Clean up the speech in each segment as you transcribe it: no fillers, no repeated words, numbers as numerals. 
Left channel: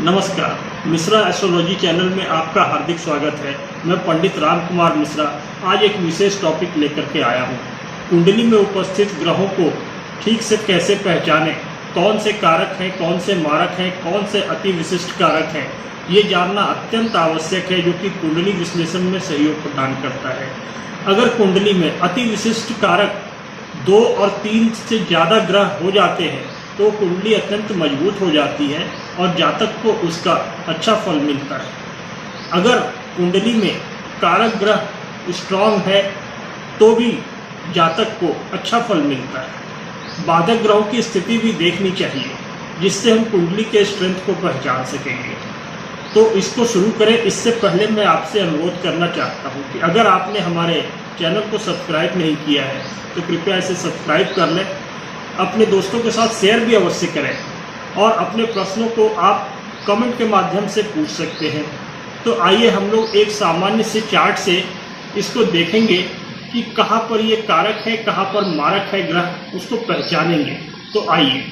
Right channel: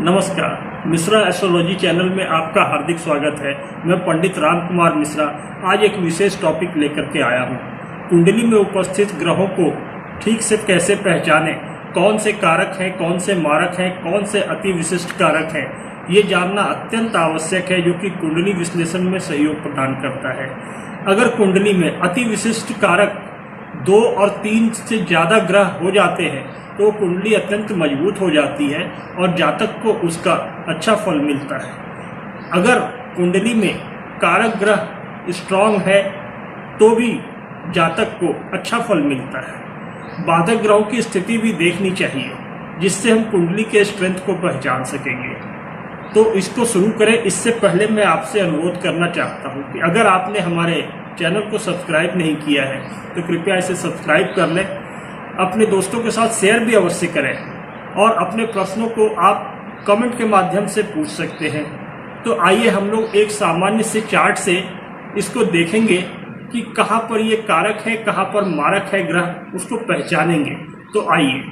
नमस्कार, Mishra astrology channel में आपका हार्दिक स्वागत है। मैं पंडित राम कुमार मिश्रा आज एक विशेष टॉपिक लेकर के आया हूँ। कुंडली में उपस्थित ग्रहों को ठीक से कैसे पहचानें, कौन से कारक हैं, कौन से मारक हैं, कौन से अति विशिष्ट कारक हैं, ये जानना अत्यंत आवश्यक है, जो कि कुंडली विश्लेषण में सहयोग प्रदान करता है। अगर कुंडली में अति विशिष्ट कारक 2 और 3 से ज़्यादा ग्रह हो जाते हैं तो कुंडली अत्यंत मजबूत हो जाती है और जातक को उसका अच्छा फल मिलता है। अगर कुंडली में कारक ग्रह स्ट्रांग है तो भी जातक को अच्छा फल मिलता है। बाधक ग्रहों की स्थिति भी देखनी चाहिए, जिससे हम कुंडली के स्ट्रेंथ को पहचान सकेंगे। तो इसको शुरू करें। इससे पहले मैं आपसे अनुरोध करना चाहता हूँ कि अगर आपने हमारे चैनल को सब्सक्राइब नहीं किया है तो कृपया इसे सब्सक्राइब कर लें, अपने दोस्तों के साथ शेयर भी अवश्य करें और अपने प्रश्नों को आप कमेंट के माध्यम से पूछ सकते हैं। तो आइए हम लोग एक सामान्य से चार्ट से इसको देखेंगे कि कहाँ पर ये कारक है, कहाँ पर मारक है ग्रह, उसको पहचानेंगे। तो आइए।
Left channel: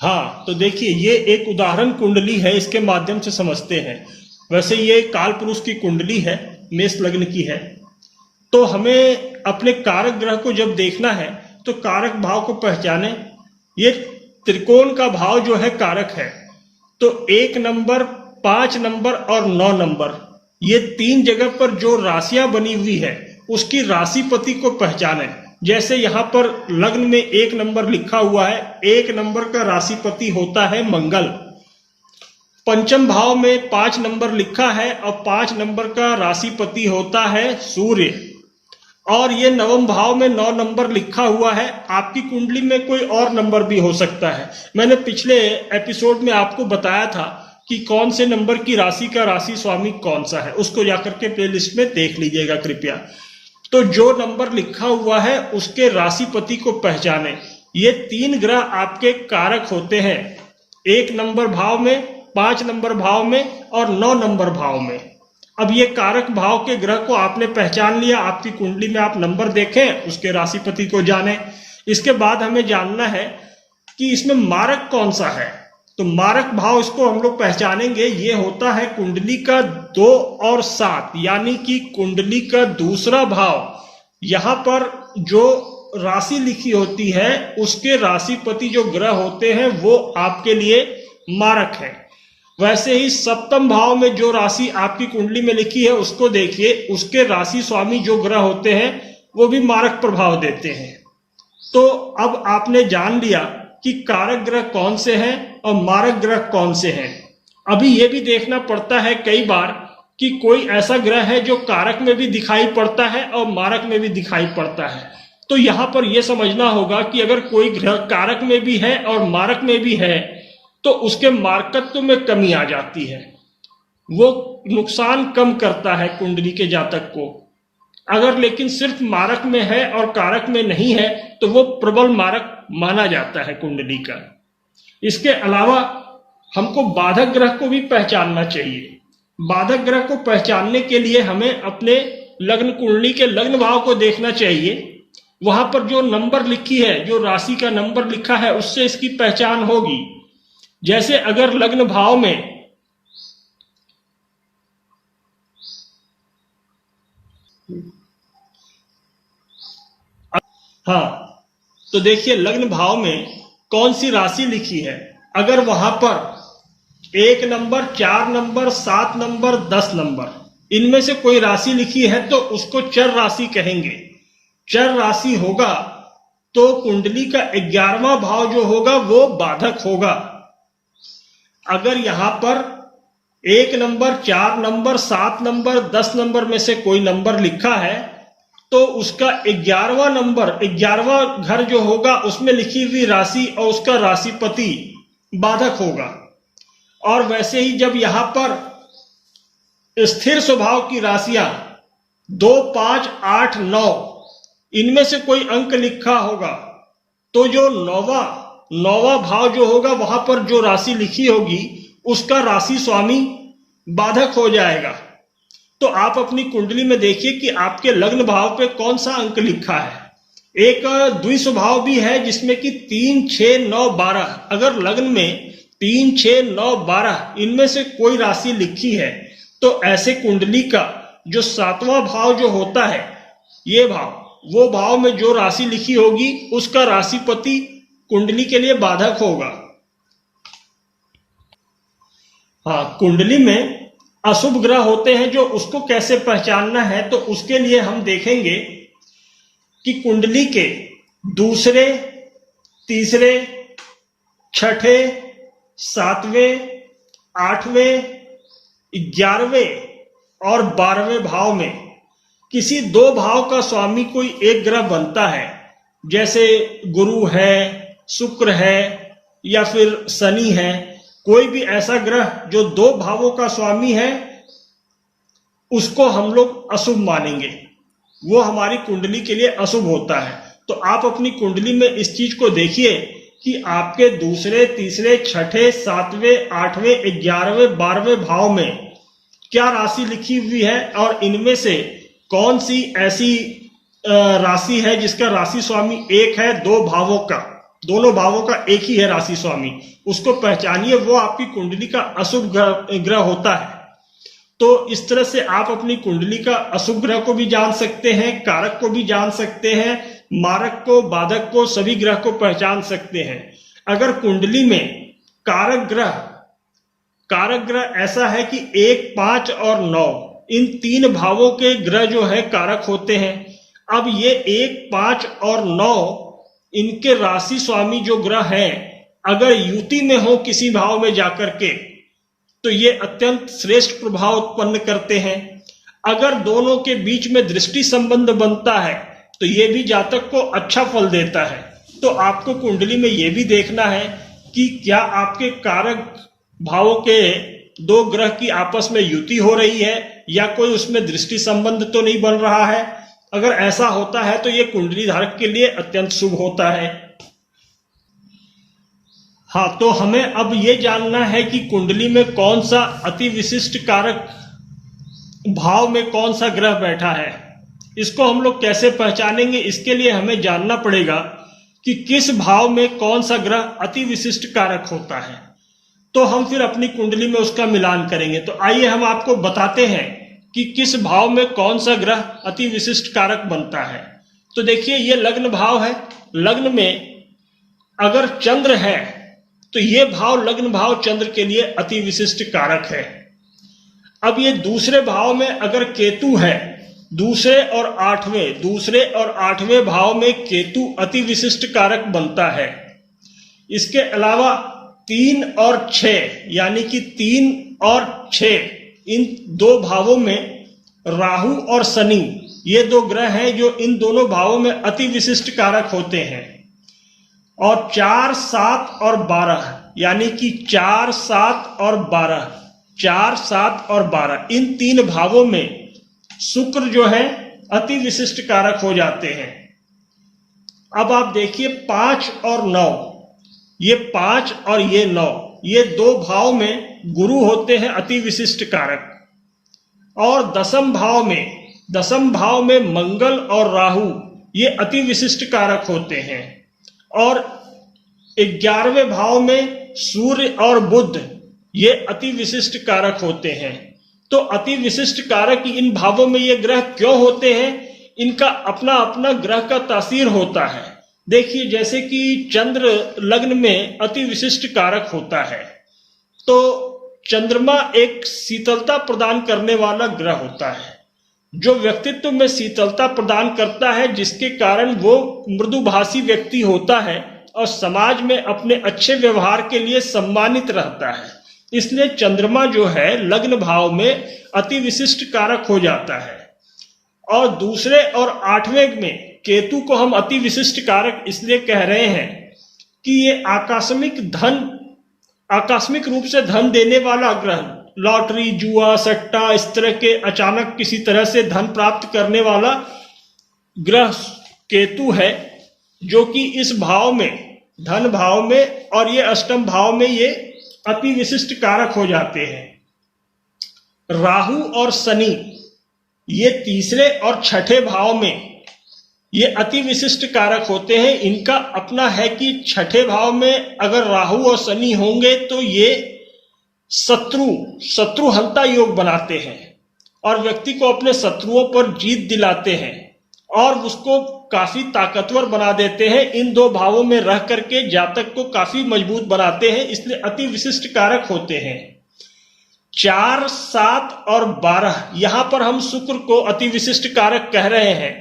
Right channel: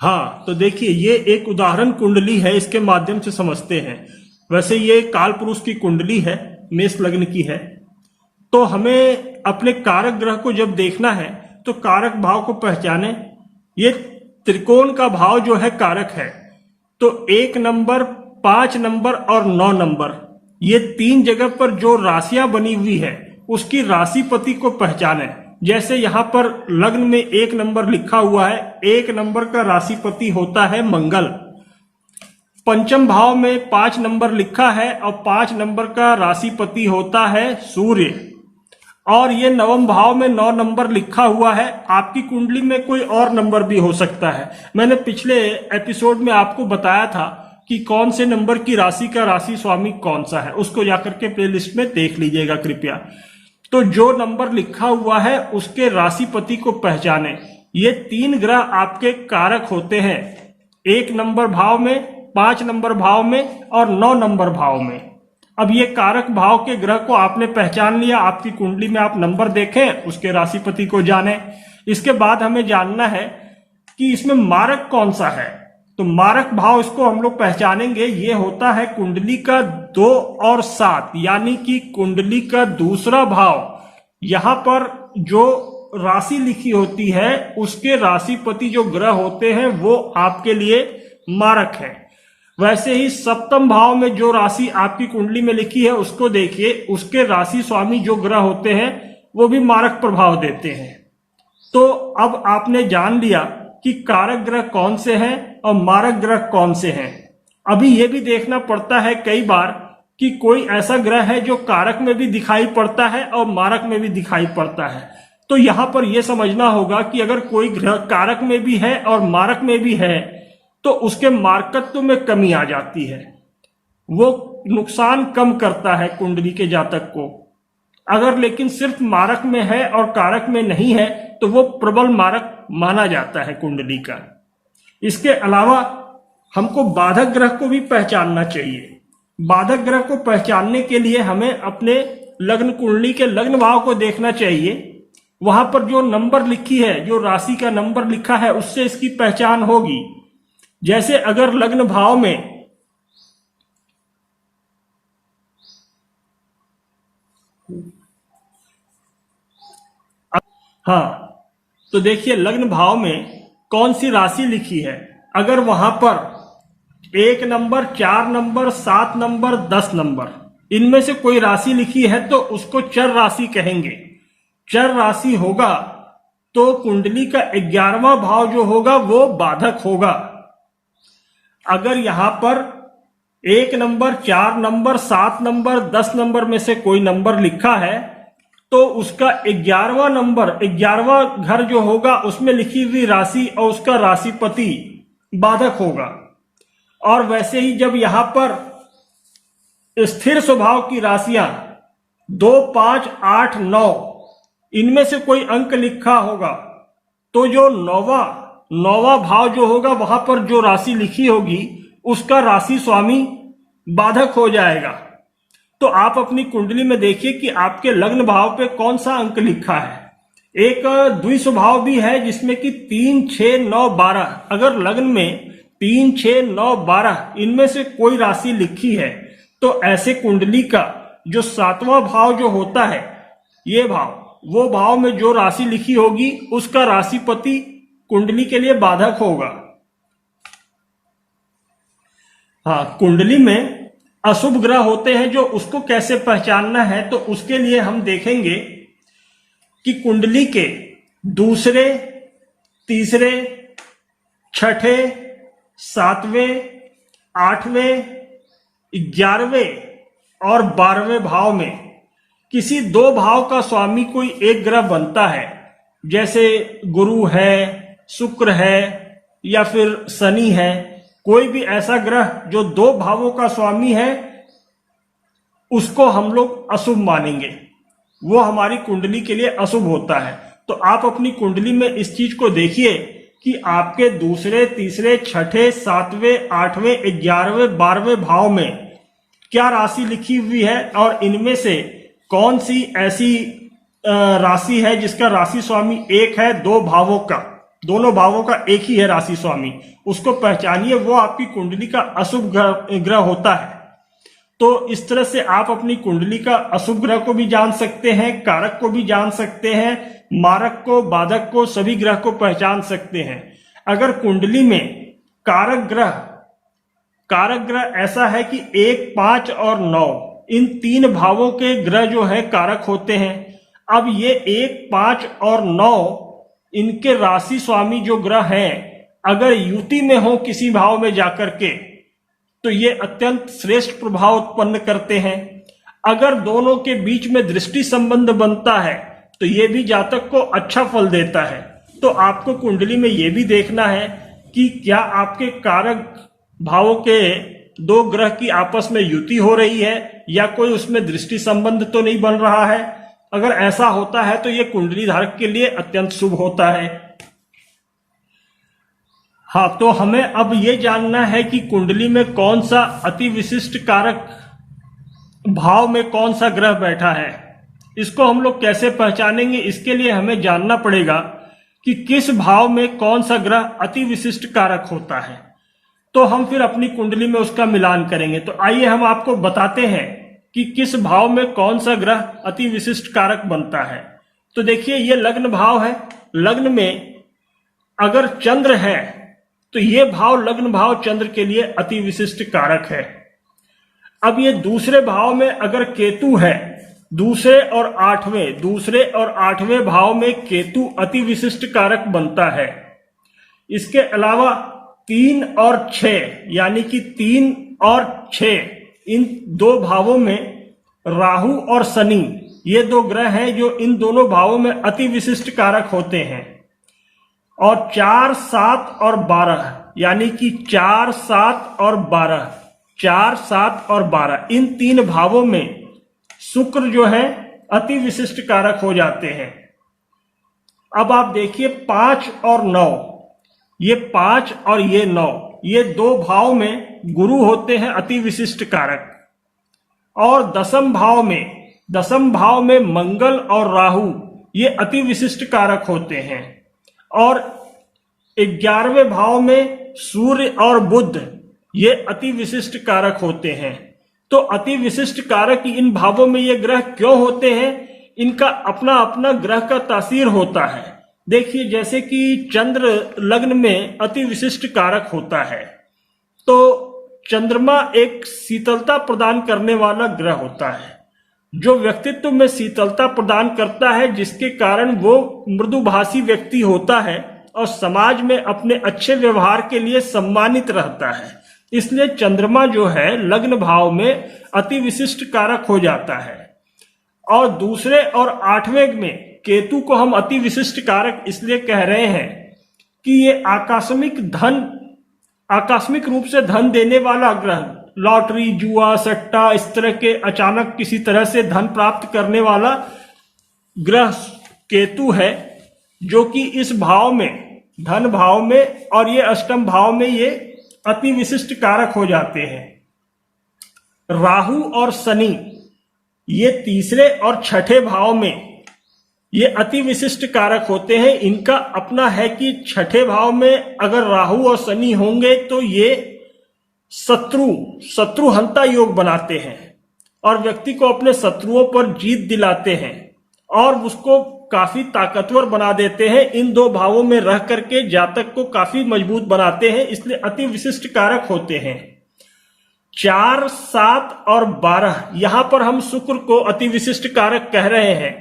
हाँ, तो देखिए ये एक उदाहरण कुंडली है, इसके माध्यम से समझते हैं। वैसे ये काल पुरुष की कुंडली है, मेष लग्न की है। तो हमें अपने कारक ग्रह को जब देखना है तो कारक भाव को पहचाने। ये त्रिकोण का भाव जो है कारक है, तो 1 नंबर, 5 नंबर और 9 नंबर, ये 3 जगह पर जो राशियां बनी हुई है उसकी राशिपति को पहचाने। जैसे यहाँ पर लग्न में 1 नंबर लिखा हुआ है, 1 नंबर का राशिपति होता है मंगल। पंचम भाव में 5 नंबर लिखा है और 5 नंबर का राशिपति होता है सूर्य। और ये नवम भाव में 9 नंबर लिखा हुआ है। आपकी कुंडली में कोई और नंबर भी हो सकता है। मैंने पिछले एपिसोड में आपको बताया था कि कौन से नंबर की राशि का राशि स्वामी कौन सा है, उसको जाकर के प्लेलिस्ट में देख लीजिएगा कृपया। तो जो नंबर लिखा हुआ है उसके राशिपति को पहचाने। ये 3 ग्रह आपके कारक होते हैं, 1 नंबर भाव में, 5 नंबर भाव में और 9 नंबर भाव में। अब ये कारक भाव के ग्रह को आपने पहचान लिया। आपकी कुंडली में आप नंबर देखें, उसके राशिपति को जाने। इसके बाद हमें जानना है कि इसमें मारक कौन सा है। तो मारक भाव इसको हम लोग पहचानेंगे। ये होता है कुंडली का 2 और 7, यानी कि कुंडली का दूसरा भाव। यहाँ पर जो राशि लिखी होती है उसके राशिपति जो ग्रह होते हैं वो आपके लिए मारक है। वैसे ही सप्तम भाव में जो राशि आपकी कुंडली में लिखी है उसको देखिए, उसके राशि स्वामी जो ग्रह होते हैं वो भी मारक प्रभाव देते हैं। तो अब आपने जान लिया कि कारक ग्रह कौन से हैं और मारक ग्रह कौन से हैं। अभी ये भी देखना पड़ता है कई बार कि कोई ऐसा ग्रह है जो कारक में भी दिखाई पड़ता है और मारक में भी दिखाई पड़ता है। तो यहाँ पर यह समझना होगा कि अगर कोई ग्रह कारक में भी है और मारक में भी है तो उसके मारकत्व में कमी आ जाती है, वो नुकसान कम करता है कुंडली के जातक को। अगर लेकिन सिर्फ मारक में है और कारक में नहीं है तो वो प्रबल मारक माना जाता है कुंडली का। इसके अलावा हमको बाधक ग्रह को भी पहचानना चाहिए। बाधक ग्रह को पहचानने के लिए हमें अपने लग्न कुंडली के लग्न भाव को देखना चाहिए। वहां पर जो नंबर लिखी है, जो राशि का नंबर लिखा है, उससे इसकी पहचान होगी। जैसे अगर लग्न भाव में हाँ, तो देखिए लग्न भाव में कौन सी राशि लिखी है। अगर वहां पर 1 नंबर, 4 नंबर, 7 नंबर, 10 नंबर, इनमें से कोई राशि लिखी है तो उसको चर राशि कहेंगे। चर राशि होगा तो कुंडली का 11वां भाव जो होगा वो बाधक होगा। अगर यहां पर 1 नंबर, 4 नंबर, 7 नंबर, 10 नंबर में से कोई नंबर लिखा है तो उसका 11वां नंबर, 11वां घर जो होगा उसमें लिखी हुई राशि और उसका राशिपति बाधक होगा। और वैसे ही जब यहां पर स्थिर स्वभाव की राशियां 2, 5, 8, 9, इनमें से कोई अंक लिखा होगा तो जो नौवां भाव जो होगा वहां पर जो राशि लिखी होगी उसका राशि स्वामी बाधक हो जाएगा। तो आप अपनी कुंडली में देखिए कि आपके लग्न भाव पे कौन सा अंक लिखा है। एक द्विस्वभाव भी है जिसमें कि 3, 6, 9, 12, अगर लग्न में 3, 6, 9, 12 इनमें से कोई राशि लिखी है तो ऐसे कुंडली का जो 7वां भाव जो होता है, ये भाव, वो भाव में जो राशि लिखी होगी उसका राशिपति कुंडली के लिए बाधक होगा। हाँ, कुंडली में अशुभ ग्रह होते हैं, जो उसको कैसे पहचानना है तो उसके लिए हम देखेंगे कि कुंडली के दूसरे, तीसरे, छठे, 7वें, 8वें, 11वें और 12वें भाव में किसी 2 भाव का स्वामी कोई एक ग्रह बनता है, जैसे गुरु है, शुक्र है या फिर शनि है, कोई भी ऐसा ग्रह जो 2 भावों का स्वामी है उसको हम लोग अशुभ मानेंगे, वो हमारी कुंडली के लिए अशुभ होता है। तो आप अपनी कुंडली में इस चीज को देखिए कि आपके दूसरे, तीसरे, छठे, 7वें, 8वें, 11वें, 12वें भाव में क्या राशि लिखी हुई है और इनमें से कौन सी ऐसी राशि है जिसका राशि स्वामी एक है 2 भावों का, दोनों भावों का एक ही है राशि स्वामी, उसको पहचानिए, वो आपकी कुंडली का अशुभ ग्रह होता है। तो इस तरह से आप अपनी कुंडली का अशुभ ग्रह को भी जान सकते हैं, कारक को भी जान सकते हैं, मारक को, बाधक को, सभी ग्रह को पहचान सकते हैं। अगर कुंडली में कारक ग्रह ऐसा है कि 1, 5 और 9 इन 3 भावों के ग्रह जो है कारक होते हैं। अब ये 1, 5 और 9 इनके राशि स्वामी जो ग्रह हैं, अगर युति में हो किसी भाव में जाकर के तो ये अत्यंत श्रेष्ठ प्रभाव उत्पन्न करते हैं। अगर दोनों के बीच में दृष्टि संबंध बनता है तो ये भी जातक को अच्छा फल देता है। तो आपको कुंडली में ये भी देखना है कि क्या आपके कारक भावों के 2 ग्रह की आपस में युति हो रही है या कोई उसमें दृष्टि संबंध तो नहीं बन रहा है। अगर ऐसा होता है तो ये कुंडली धारक के लिए अत्यंत शुभ होता है। हाँ, तो हमें अब ये जानना है कि कुंडली में कौन सा अति विशिष्ट कारक भाव में कौन सा ग्रह बैठा है। इसको हम लोग कैसे पहचानेंगे, इसके लिए हमें जानना पड़ेगा कि किस भाव में कौन सा ग्रह अति विशिष्ट कारक होता है। तो हम फिर अपनी कुंडली में उसका मिलान करेंगे। तो आइए हम आपको बताते हैं कि किस भाव में कौन सा ग्रह अति विशिष्ट कारक बनता है। तो देखिए, ये लग्न भाव है। लग्न में अगर चंद्र है तो ये भाव, लग्न भाव चंद्र के लिए अति विशिष्ट कारक है। अब ये दूसरे भाव में अगर केतु है, दूसरे और आठवें भाव में केतु अति विशिष्ट कारक बनता है। इसके अलावा 3 और 6 यानी कि 3 और 6 इन 2 भावों में राहु और शनि, ये 2 ग्रह हैं जो इन दोनों भावों में अति विशिष्ट कारक होते हैं। और 4, 7 और 12 यानी कि 4, 7 और 12 इन 3 भावों में शुक्र जो है अति विशिष्ट कारक हो जाते हैं। अब आप देखिए 5 और 9, ये 5 और ये 9, ये 2 भाव में गुरु होते हैं अति विशिष्ट कारक। और दसम भाव में मंगल और राहु, ये अति विशिष्ट कारक होते हैं। और 11वें भाव में सूर्य और बुध, ये अति विशिष्ट कारक होते हैं। तो अति विशिष्ट कारक इन भावों में ये ग्रह क्यों होते हैं, इनका अपना अपना ग्रह का तासीर होता है। देखिए, जैसे कि चंद्र लग्न में अति विशिष्ट कारक होता है, तो चंद्रमा एक शीतलता प्रदान करने वाला ग्रह होता है, जो व्यक्तित्व में शीतलता प्रदान करता है, जिसके कारण वो मृदुभाषी व्यक्ति होता है और समाज में अपने अच्छे व्यवहार के लिए सम्मानित रहता है। इसलिए चंद्रमा जो है लग्न भाव में अति विशिष्ट कारक हो जाता है। और दूसरे और 8वें में केतु को हम अति विशिष्ट कारक इसलिए कह रहे हैं कि ये आकस्मिक रूप से धन देने वाला ग्रह, लॉटरी, जुआ, सट्टा, इस तरह के अचानक किसी तरह से धन प्राप्त करने वाला ग्रह केतु है, जो कि इस भाव में, धन भाव में और ये अष्टम भाव में ये अति विशिष्ट कारक हो जाते हैं। राहु और शनि ये तीसरे और छठे भाव में ये अति विशिष्ट कारक होते हैं। इनका अपना है कि छठे भाव में अगर राहु और शनि होंगे तो ये शत्रुहंता योग बनाते हैं और व्यक्ति को अपने शत्रुओं पर जीत दिलाते हैं और उसको काफी ताकतवर बना देते हैं। इन दो भावों में रह करके जातक को काफी मजबूत बनाते हैं, इसलिए अति विशिष्ट कारक होते हैं। 4, 7 और 12 यहां पर हम शुक्र को अति विशिष्ट कारक कह रहे हैं।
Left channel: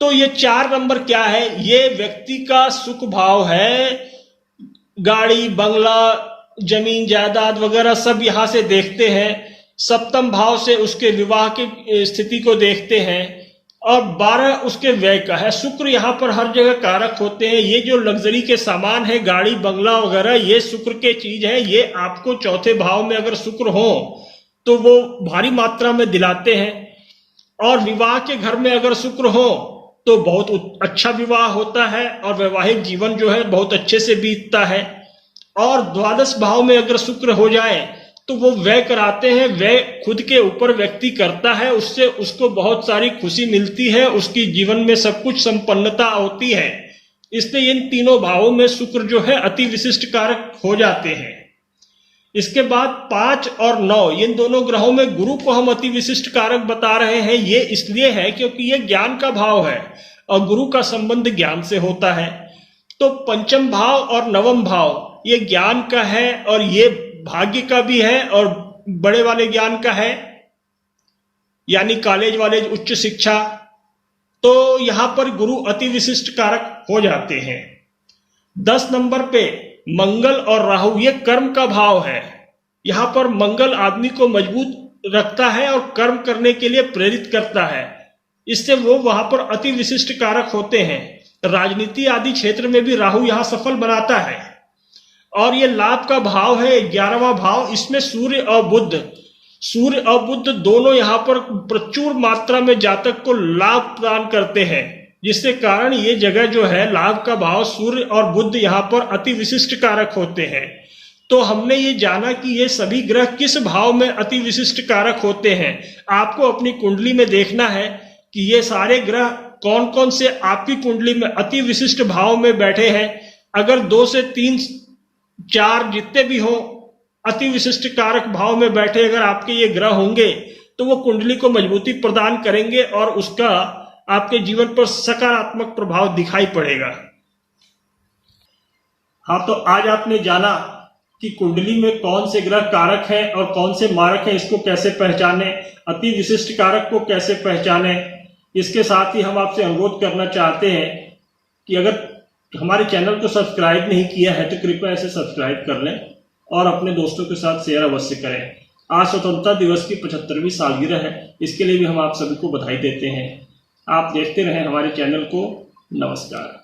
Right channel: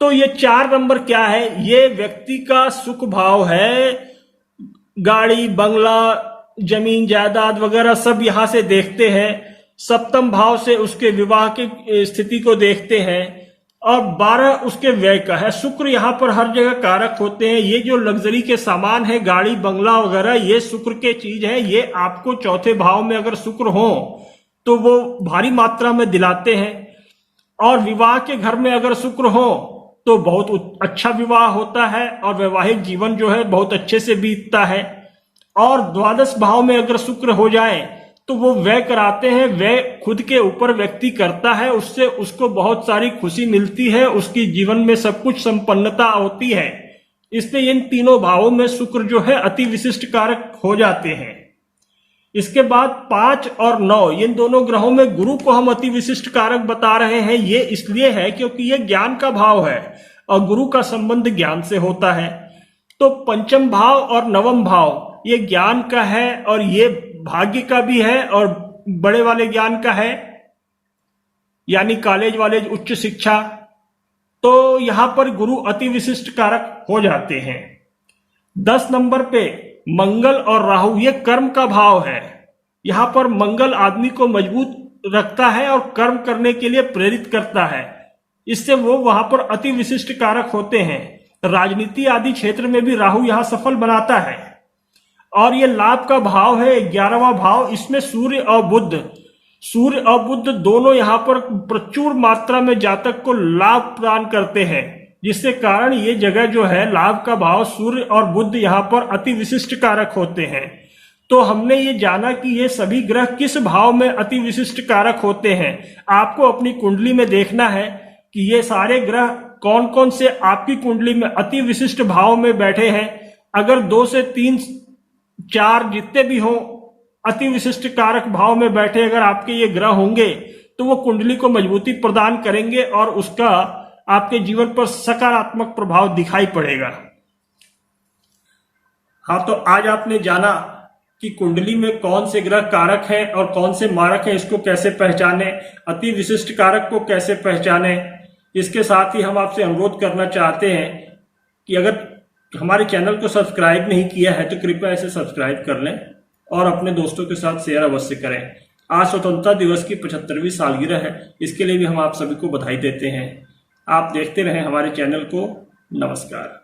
तो ये 4 नंबर क्या है? ये व्यक्ति का सुख भाव है। गाड़ी, बंगला, जमीन जायदाद वगैरह सब यहां से देखते हैं। सप्तम भाव से उसके विवाह की स्थिति को देखते हैं और 12 उसके व्यय का है। शुक्र यहाँ पर हर जगह कारक होते हैं। ये जो लग्जरी के सामान है, गाड़ी, बंगला वगैरह, ये शुक्र के चीज है। ये आपको चौथे भाव में अगर शुक्र हो तो वो भारी मात्रा में दिलाते हैं। और विवाह के घर में अगर शुक्र हो तो बहुत अच्छा विवाह होता है और वैवाहिक जीवन जो है बहुत अच्छे से बीतता है। और द्वादश भाव में अगर शुक्र हो जाए तो वो व्यय कराते हैं। व्यय खुद के ऊपर व्यक्ति करता है, उससे उसको बहुत सारी खुशी मिलती है, उसकी जीवन में सब कुछ संपन्नता होती है। इसलिए इन तीनों भावों में शुक्र जो है अति विशिष्ट कारक हो जाते हैं। इसके बाद 5 और 9 इन दोनों ग्रहों में गुरु को हम अति विशिष्ट कारक बता रहे हैं। ये इसलिए है क्योंकि ये ज्ञान का भाव है और गुरु का संबंध ज्ञान से होता है। तो पंचम भाव और नवम भाव ये ज्ञान का है और ये भाग्य का भी है और बड़े वाले ज्ञान का है, यानी कॉलेज वाले उच्च शिक्षा। तो यहां पर गुरु अति विशिष्ट कारक हो जाते हैं। 10 नंबर पे मंगल और राहु, ये कर्म का भाव है। यहां पर मंगल आदमी को मजबूत रखता है और कर्म करने के लिए प्रेरित करता है, इससे वो वहां पर अति विशिष्ट कारक होते हैं। राजनीति आदि क्षेत्र में भी राहु यहां सफल बनाता है। और ये लाभ का भाव है 11वां भाव। इसमें सूर्य और बुध दोनों यहां पर प्रचुर मात्रा में जातक को लाभ प्रदान करते हैं, जिसके कारण ये जगह जो है लाभ का भाव सूर्य और बुध यहां पर अति विशिष्ट कारक होते हैं। तो हमने ये जाना कि ये सभी ग्रह किस भाव में अति विशिष्ट कारक होते हैं। आपको अपनी कुंडली में देखना है कि ये सारे ग्रह कौन कौन से आपकी कुंडली में अति विशिष्ट भाव में बैठे हैं। अगर 2 से 3, 4 जितने भी हो अति विशिष्ट कारक भाव में बैठे अगर आपके ये ग्रह होंगे तो वो कुंडली को मजबूती प्रदान करेंगे और उसका आपके जीवन पर सकारात्मक प्रभाव दिखाई पड़ेगा। हाँ, तो आज आपने जाना कि कुंडली में कौन से ग्रह कारक हैं और कौन से मारक हैं, इसको कैसे पहचाने, अति विशिष्ट कारक को कैसे पहचाने। इसके साथ ही हम आपसे अनुरोध करना चाहते हैं कि अगर हमारे चैनल को सब्सक्राइब नहीं किया है तो कृपया इसे सब्सक्राइब कर लें और अपने दोस्तों के साथ शेयर अवश्य करें। आज स्वतंत्रता दिवस की 75वीं सालगिरह है, इसके लिए भी हम आप सभी को बधाई देते हैं। आप देखते रहें हमारे चैनल को। नमस्कार।